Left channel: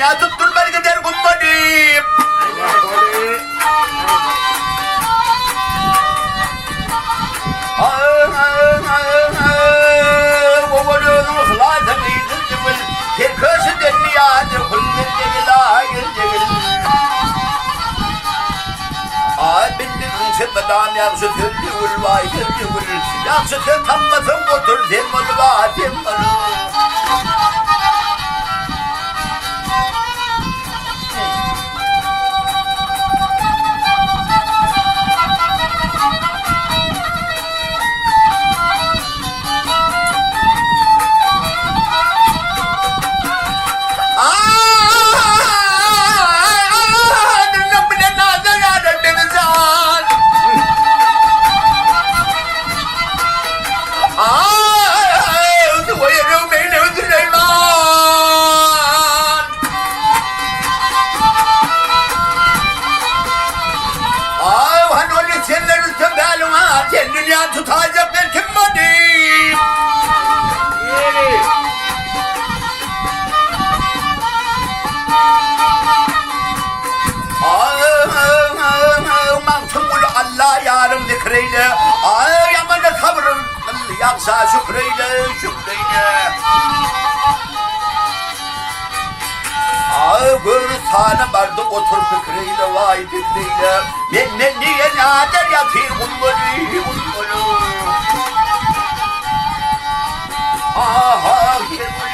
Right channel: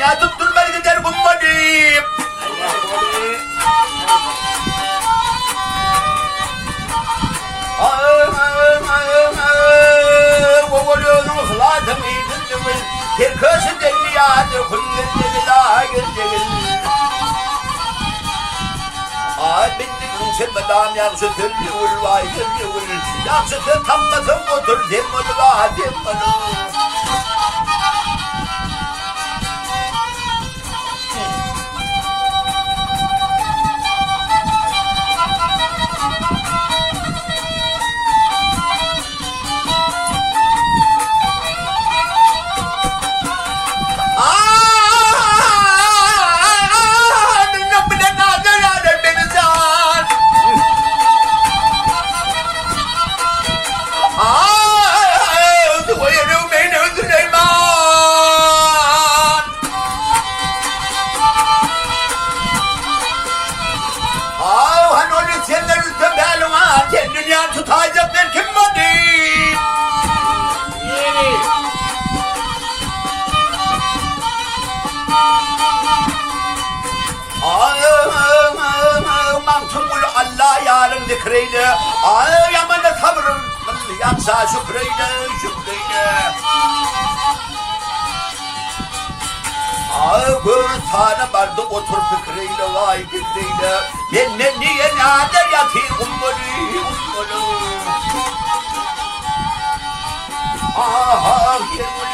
dünya tutturmaz gider kumbadım. Oğlunun hılatını yedilcimil, terkösü denmiyade kulmin cegil, cegil. Bindim sebedam yapsı tırcıvıl, vay tırcıvıl. Yapsı tır tammasın otur, zemmalı vay zemmalı. Dünya tutacak bir kim var değil. Mantımul Allah yarım zikreyle. Yaman da sabrın yapsa şükreyle, şükreyle. Gör sana bardı otur fikreyle, vay fikreyle. Ben niye nadir yatayım ummali, ummali. Aha yermali.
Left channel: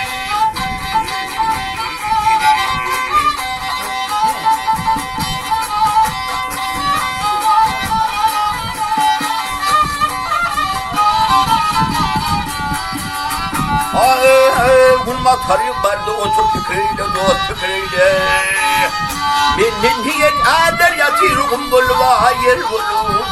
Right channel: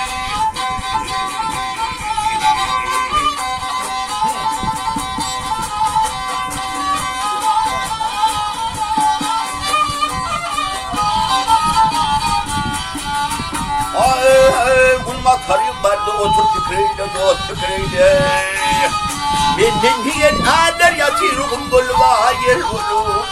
Bulma tarih vardı otur fikreyle, dost fikreyle. Benden diyen ader yatır kumbul va yer bulu,